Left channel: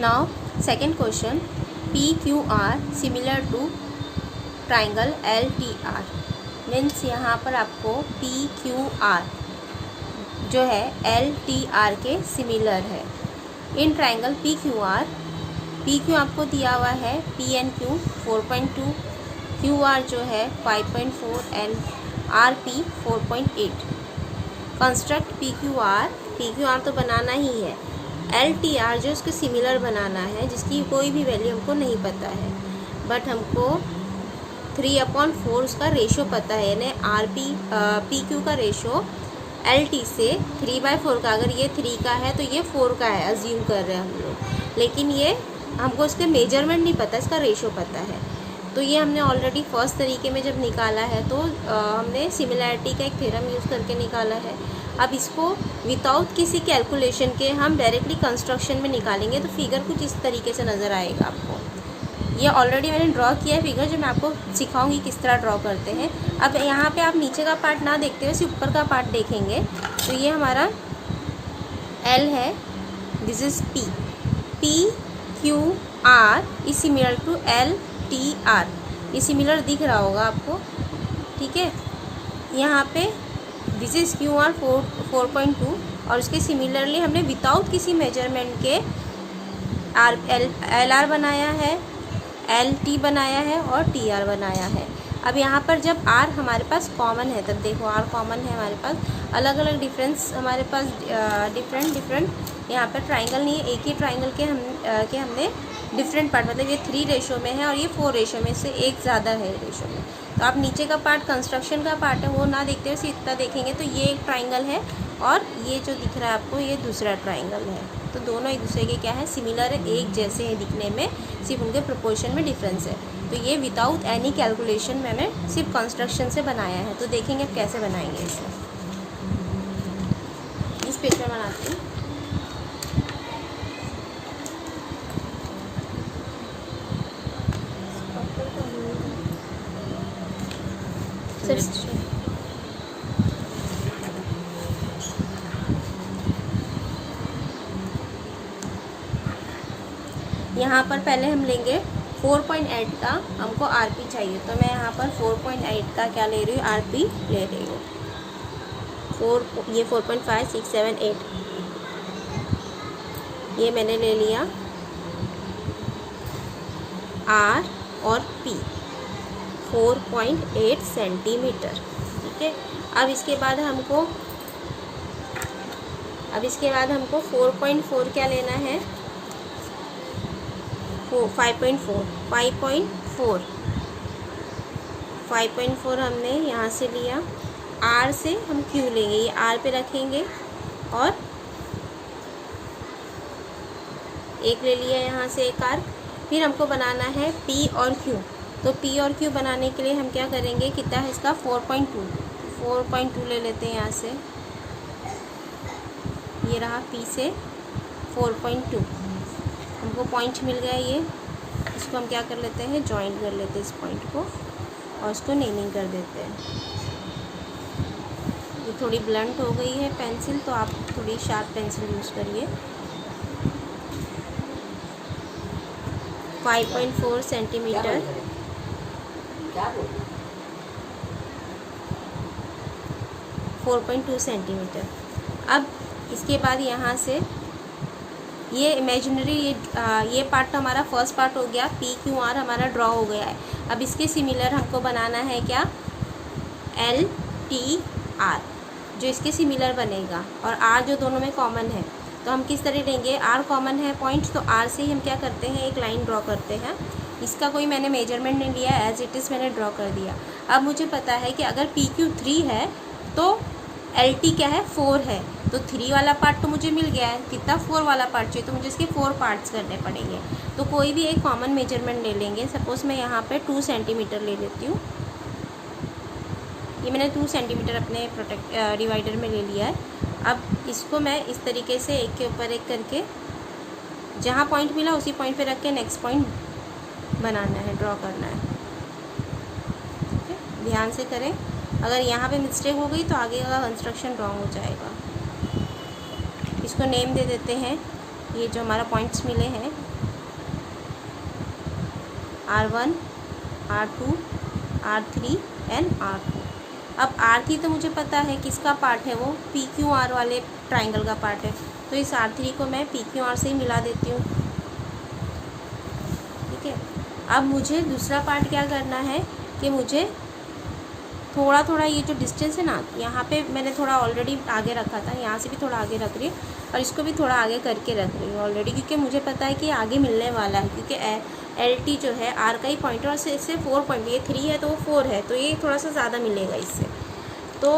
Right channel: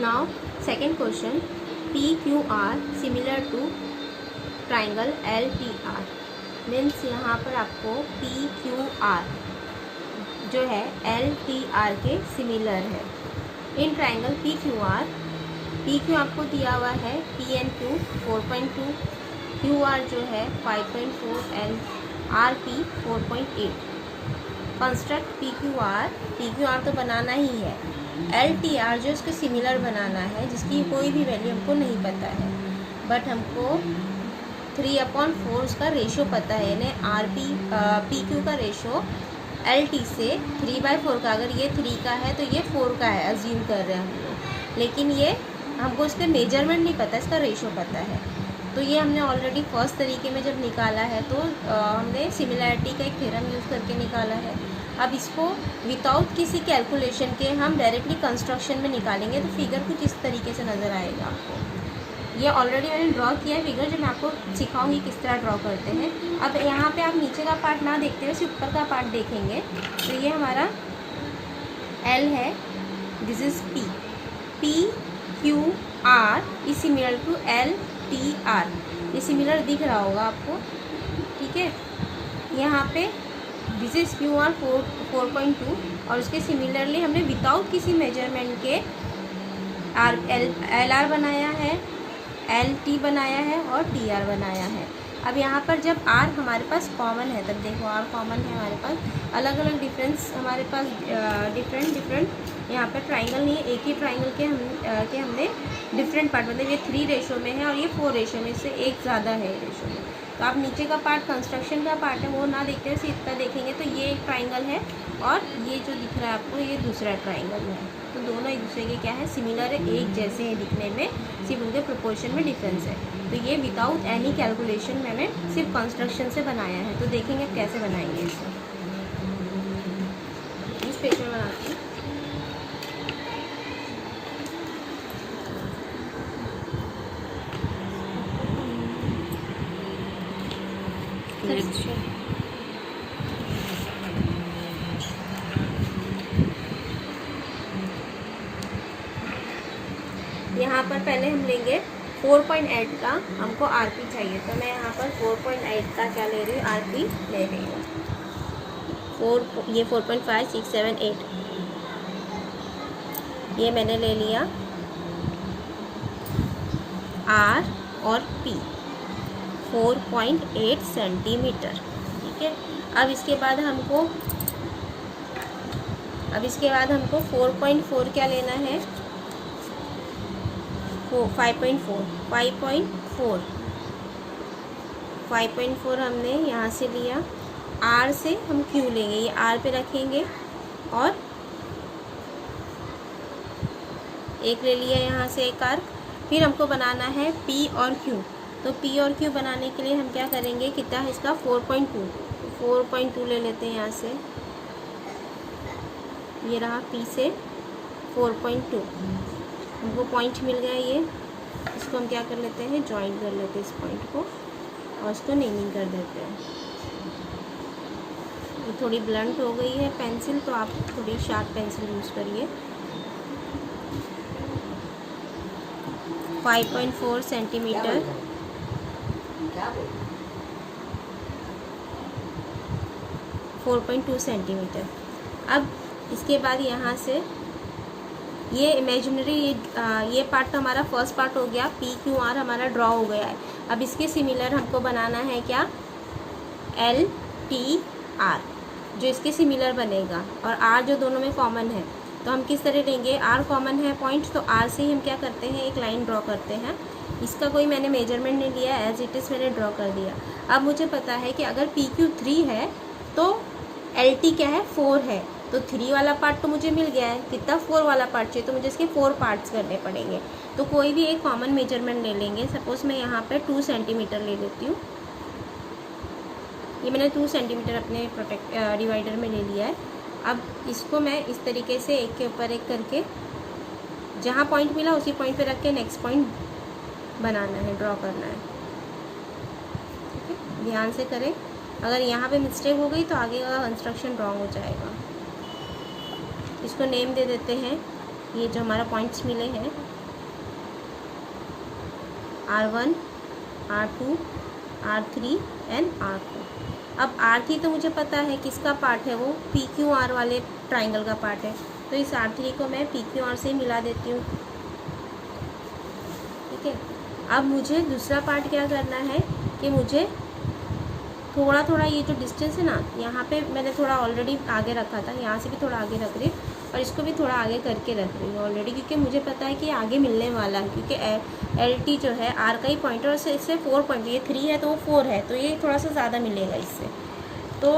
Now second question, P Q R similar to triangle L T R. Means यहाँ पर आपको P Q R जो है L T R के similar है। इन ट्राइंगल पी क्यू आपको दिया हुआ है P N Q 4.2, Q R जो है 5.4, L R P 4.8। Construct P Q R तो बनाना ही है, एल टी आर जो उसके सिमिलर बनाना है, जिसकी कोई भी वैल्यू हमको नहीं पता है, बट हमको 3/4 उसका रेशो पता है, यानी आर पी क्यू का रेशो एल टी से 3/4 का, अगर ये 3 का है तो ये 4 का है, अज्यूम कर रहे हैं हम लोग, लेकिन ये हमको इसके मेजरमेंट नहीं पता, इसका रेशो पता है। तो ये हमने ऑलरेडी फर्स्ट तरीके में जब निकाला है तो हमने सिमिलैरिटी का एक थ्योरम यूज़ करके निकाला है। अब इसको विदाउट किसी कैलकुलेशन के हम डायरेक्टली कंस्ट्रक्शन में निकालेंगे तो फिगर कुछ इस तरीके से नज़र आएगा आपको। ये ऑलरेडी मैंने ड्रॉ किया है फिगर, जो मैं आपको सिखाऊंगी किस तरह ड्रॉ करते हैं। अब यहाँ पे आप नीचे का पार्ट ना देखते हुए सिर्फ ऊपर का पार्ट देखेंगे तो ये हमारा एल है, this is P. P Q R is similar to L T R, ये सिमिलर दिख रहा होगा आपको, ठीक है। यहाँ पे दिस इज क्यू आर 4.2 और उसके सिमिलरली हमने विदाउट किसी मेजरमेंट के एल आर बनाया है, एल टी बनाया है और टी आर बनाया है। अब यहाँ पर जब आर हमारे पास कॉमन है, तब देखो आर कॉमन है हमारे पास, अलग अलग डिफरेंस हमारे पास डिफरेंट यहाँ पर ट्राइंगल नहीं है, एक ही ट्राइंगल के हमने डिफरेंट पार्ट, मतलब ये 3 रेशो में है और ये 4 रेशो में, से एक ज़्यादा है रेशो में। तो आप नीचे का पार्ट कंस्ट्रक्शन का पार्ट है वो ना देखते हुए सिर्फ इतना देखेंगे तो ये एक ट्राइंगल है और ये जो दिख रहा है आपको ये दूसरा ट्राइंगल है। तो दोनों एक दूसरे के क्या है, सिमिलर है, एक जैसे हैं दिखने में, सिर्फ उनके प्रोपोर्शन में डिफरेंस है। तो ये विदाउट एनी कैलकुलेशन मैंने सिर्फ कंस्ट्रक्शन से बनाया है। तो देखेंगे अब कैसे बनाएंगे इसे। इस पेज में बनाती हूँ। यहाँ पर पहले हम लेंगे 4.8 का, हमको आरपी चाहिए, तो मैं यहाँ पर 4.8 का क्या ले रही हूँ, आरपी ले रही हूँ। 4 ये 4.5 6 7 8 ये मैंने ले लिया आर और पी 4.8 सेंटीमीटर, ठीक है। अब इसके बाद हमको 4.4 क्या लेना है, 5.4 हमने यहाँ से लिया, आर से हम क्यू लेंगे, ये आर पे रखेंगे और एक ले लिया यहाँ से एक आर्क। फिर हमको बनाना है पी और क्यू, तो पी और क्यू बनाने के लिए हम क्या करेंगे, कितना है इसका 4.2 ले लेते हैं यहाँ से, ये रहा पी से 4.2, हमको पॉइंट मिल गया ये, इसको हम क्या कर लेते हैं, जॉइंट कर लेते हैं इस पॉइंट को और इसको नेमिंग कर देते हैं। ये थोड़ी ब्लंट हो गई है पेंसिल, तो आप थोड़ी शार्प पेंसिल यूज़ करिए। 5.4 सेंटीमीटर, 4.2 सेंटीमीटर। अब इसके बाद यहाँ से ये इमेजिनरी ये पार्ट तो हमारा फर्स्ट पार्ट हो गया, पी क्यू आर हमारा ड्रॉ हो गया है। अब इसके सिमिलर हमको बनाना है क्या, एल टी आर, जो इसके सिमिलर बनेगा, और आर जो दोनों में कॉमन है। तो हम किस तरह लेंगे, आर कॉमन है पॉइंट, तो आर से ही हम क्या करते हैं, एक लाइन ड्रॉ करते हैं। इसका कोई मैंने मेजरमेंट नहीं लिया, एज इट इज़ मैंने ड्रॉ कर दिया। अब मुझे पता है कि अगर पी क्यू 3 है तो एल टी क्या है, 4 है, तो 3 वाला पार्ट तो मुझे मिल गया है, कितना 4 वाला पार्ट चाहिए, तो मुझे इसके 4 पार्ट्स करने पड़ेंगे। तो कोई भी एक कॉमन मेजरमेंट ले लेंगे। सपोज़ मैं यहाँ पे 2 सेंटीमीटर ले लेती हूँ, ये मैंने 2 सेंटीमीटर अपने डिवाइडर में ले लिया है। अब इसको मैं इस तरीके से एक के ऊपर एक करके जहाँ पॉइंट मिला उसी पॉइंट पे रख के नेक्स्ट पॉइंट बनाना है, ड्रॉ करना है, ठीक है। ध्यान से करें, अगर यहाँ पे मिस्टेक हो गई तो आगे का कंस्ट्रक्शन रॉन्ग हो जाएगा। इसको नेम दे देते हैं, ये जो हमारा पॉइंट्स मिले हैं R1, R2, R3 and R4। अब R3 तो मुझे पता है किसका पार्ट है, वो PQR वाले ट्राइंगल का पार्ट है, तो इस R3 को मैं PQR से ही मिला देती हूँ। ठीक है, अब मुझे दूसरा पार्ट क्या करना है कि मुझे थोड़ा थोड़ा ये जो डिस्टेंस है ना, यहाँ पे मैंने थोड़ा ऑलरेडी आगे रखा था, यहाँ से भी थोड़ा आगे रख रही हूँ और इसको भी थोड़ा आगे करके रख रही हूँ ऑलरेडी, क्योंकि मुझे पता है कि आगे मिलने वाला है, क्योंकि LT जो है R का ही पॉइंट है और इससे 4 पॉइंट, ये 3 है तो वो 4 है, तो ये थोड़ा सा ज़्यादा मिलेगा इससे। तो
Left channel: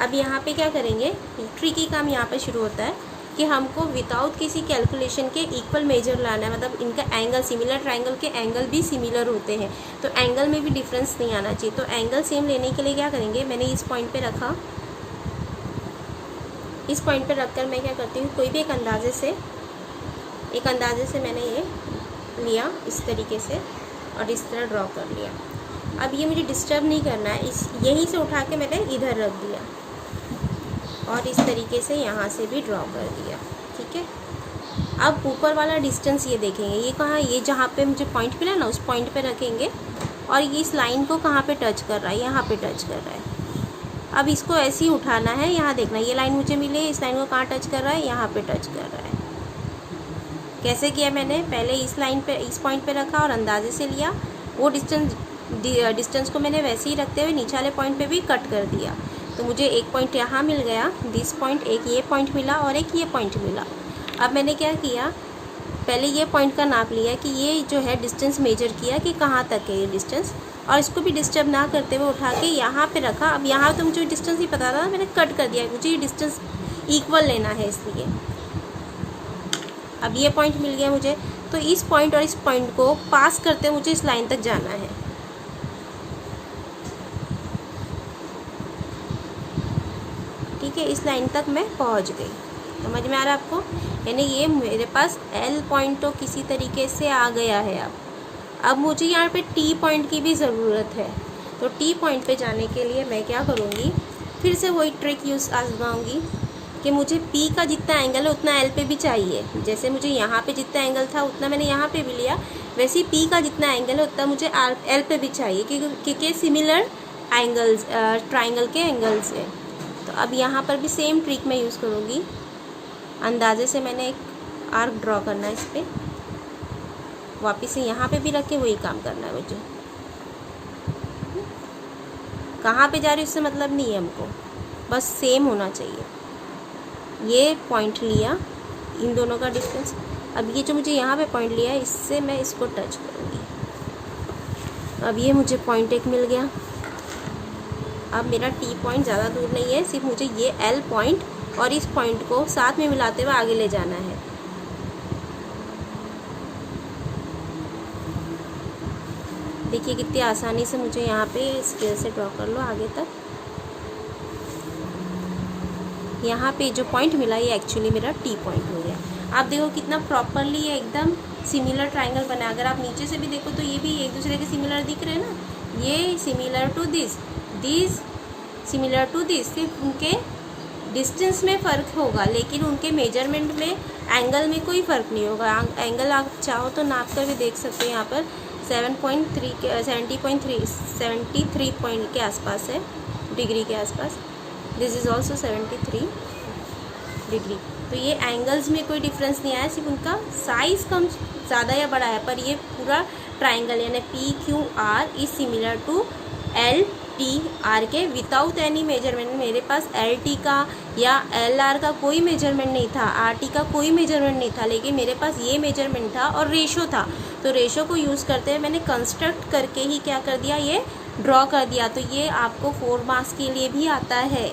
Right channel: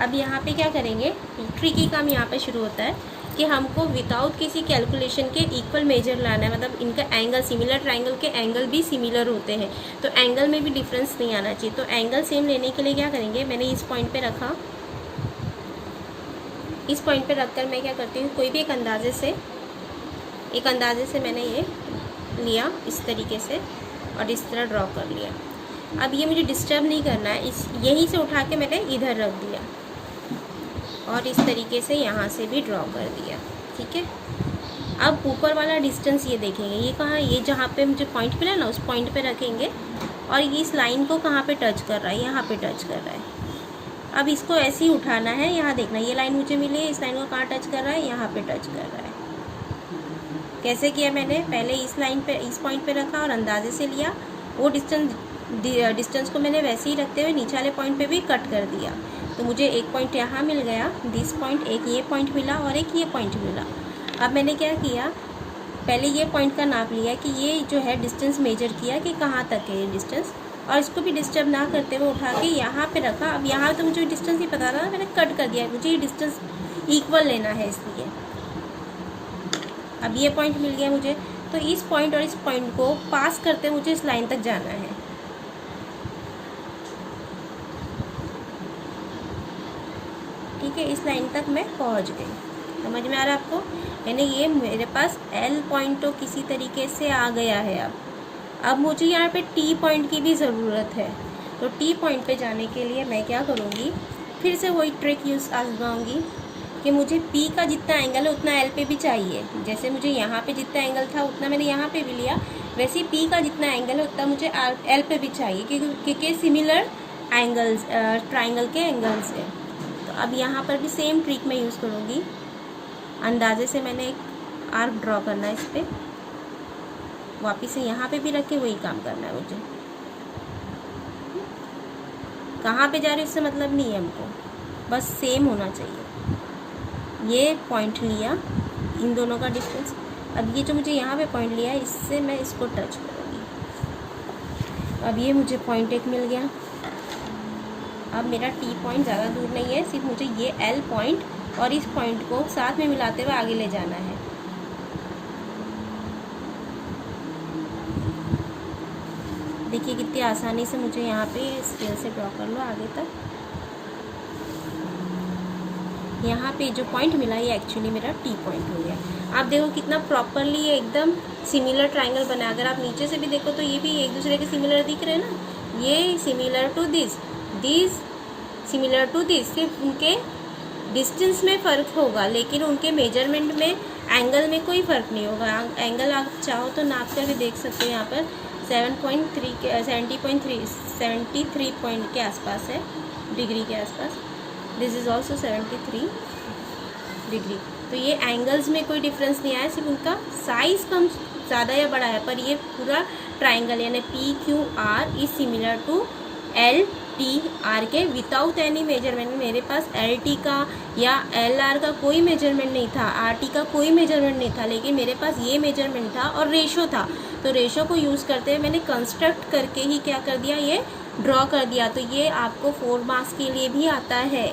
अब यहाँ पे क्या करेंगे, ट्रिकी काम यहाँ पे शुरू होता है कि हमको विदाउट किसी कैलकुलेशन के इक्वल मेजर लाना है, मतलब इनका एंगल, सिमिलर ट्राइंगल के एंगल भी सिमिलर होते हैं, तो एंगल में भी डिफरेंस नहीं आना चाहिए। तो एंगल सेम लेने के लिए क्या करेंगे, मैंने इस पॉइंट पे रखा, इस पॉइंट पे रखकर मैं क्या करती हूँ, कोई भी एक अंदाजे से मैंने ये लिया इस तरीके से और इस तरह ड्रॉ कर लिया। अब ये मुझे डिस्टर्ब नहीं करना है, इस यहीं से उठा के मैंने इधर रख दिया और इस तरीके से यहाँ से भी ड्रॉ कर दिया। ठीक है, अब ऊपर वाला डिस्टेंस ये देखेंगे, ये कहाँ, ये जहाँ पे मुझे पॉइंट मिला ना उस पॉइंट पे रखेंगे और ये इस लाइन को कहाँ पे टच कर रहा है, यहाँ पे टच कर रहा है। अब इसको ऐसे ही उठाना है, यहाँ देखना, ये लाइन मुझे मिली है, इस लाइन को कहाँ टच कर रहा है, यहाँ पे टच कर रहा है। कैसे किया मैंने, पहले इस लाइन पे, इस पॉइंट पे रखा और अंदाजे से लिया, वो डिस्टेंस को मैंने वैसे ही रखते हुए नीचे वाले पॉइंट पे भी कट कर दिया, तो मुझे एक पॉइंट यहाँ मिल गया, दिस पॉइंट, एक ये पॉइंट मिला और एक ये पॉइंट मिला। अब मैंने क्या किया, पहले ये पॉइंट का नाप लिया कि ये जो है डिस्टेंस मेजर किया कि कहाँ तक है ये डिस्टेंस, और इसको भी डिस्टर्ब ना करते हुए उठा के यहाँ पे रखा। अब यहाँ तो मुझे डिस्टेंस नहीं पता था, मैंने कट कर दिया, मुझे ये डिस्टेंस इक्वल लेना है इसलिए। अब ये पॉइंट मिल गया मुझे, तो इस पॉइंट और इस पॉइंट को पास करते मुझे इस लाइन तक जाना है। ठीक है, इस लाइन तक मैं पहुंच गई, समझ में आ रहा है आपको, यानी ये मेरे पास L पॉइंट तो किसी तरीके से आ गया है। अब मुझे यहाँ पे T पॉइंट की भी ज़रूरत है, तो T पॉइंट पे जाने के लिए मैं क्या करूँगी, फिर से वही ट्रिक यूज़ आजमाऊँगी कि मुझे P का जितना एंगल है उतना L पे भी चाहिए। जैसे मुझे यहाँ पे जितना एंगल था उतना मैंने यहाँ पे भी लिया, वैसे ही P का जितना एंगल है उतना मुझे L पे भी चाहिए, क्योंकि सिमिलर एंगल्स ट्राइंगल के एंगल्स है। तो अब यहाँ पर भी सेम ट्रिक मैं यूज़ करूँगी, अंदाजे से मैंने एक आर्क ड्रॉ करना है इस पर, वापस से यहाँ पे भी रख के वही काम करना है मुझे। कहाँ पे जा रही है उससे मतलब नहीं है हमको, बस सेम होना चाहिए। ये पॉइंट लिया, इन दोनों का डिस्टेंस, अब ये जो मुझे यहाँ पे पॉइंट लिया है इससे मैं इसको टच करूँगी, अब ये मुझे पॉइंट एक मिल गया। अब मेरा T पॉइंट ज़्यादा दूर नहीं है, सिर्फ मुझे ये L पॉइंट और इस पॉइंट को साथ में मिलाते हुए आगे ले जाना है। देखिए कितनी आसानी से मुझे यहाँ पे स्केल से ड्रॉ कर लो आगे तक। यहाँ पे जो पॉइंट मिला ये एक्चुअली मेरा T पॉइंट हो गया। आप देखो कितना प्रॉपरली ये एकदम सिमिलर ट्राइंगल बना। अगर आप नीचे से भी देखो तो ये भी एक दूसरे के सिमिलर दिख रहे हैं ना, ये similar to this similar to this, सिर्फ उनके डिस्टेंस में फ़र्क होगा, लेकिन उनके मेजरमेंट में एंगल में कोई फ़र्क नहीं होगा। एंगल आप चाहो तो नाप कर भी देख सकते हो, यहाँ पर 73 पॉइंट के आसपास है, डिग्री के आसपास। This is also 73 degree. तो ये एंगल्स में कोई डिफरेंस नहीं आया, सिर्फ उनका साइज़ कम ज़्यादा या बड़ा है, पर ये पूरा ट्राइंगल यानी PQR is similar to LTR के विदाउट एनी मेजरमेंट। मेरे पास LT का या LR का कोई मेजरमेंट नहीं था, RT का कोई मेजरमेंट नहीं था, लेकिन मेरे पास ये मेजरमेंट था और रेशो था। तो रेशो को यूज़ करते हुए मैंने कंस्ट्रक्ट करके ही क्या कर दिया, ये ड्रॉ कर दिया। तो ये आपको 4 मार्क्स के लिए भी आता है।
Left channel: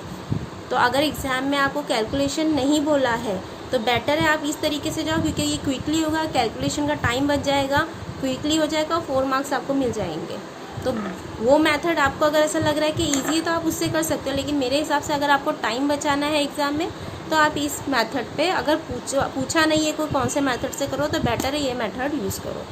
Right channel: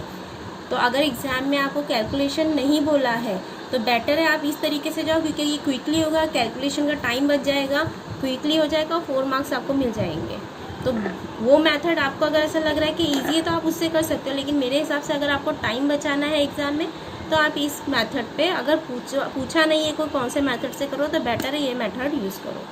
तो अगर एग्ज़ाम में आपको कैलकुलेशन नहीं बोला है तो बेटर है आप इस तरीके से जाओ, क्योंकि ये क्विकली होगा, कैलकुलेशन का टाइम बच जाएगा, क्विकली हो जाएगा, 4 मार्क्स आपको मिल जाएंगे। तो वो मेथड आपको अगर ऐसा लग रहा है कि इजी है तो आप उससे कर सकते हो, लेकिन मेरे हिसाब से अगर आपको टाइम बचाना है एग्ज़ाम में तो आप इस मेथड पे, अगर पूछा नहीं है कोई कौन से मेथड से करो, तो बेटर है ये मेथड यूज़ करो।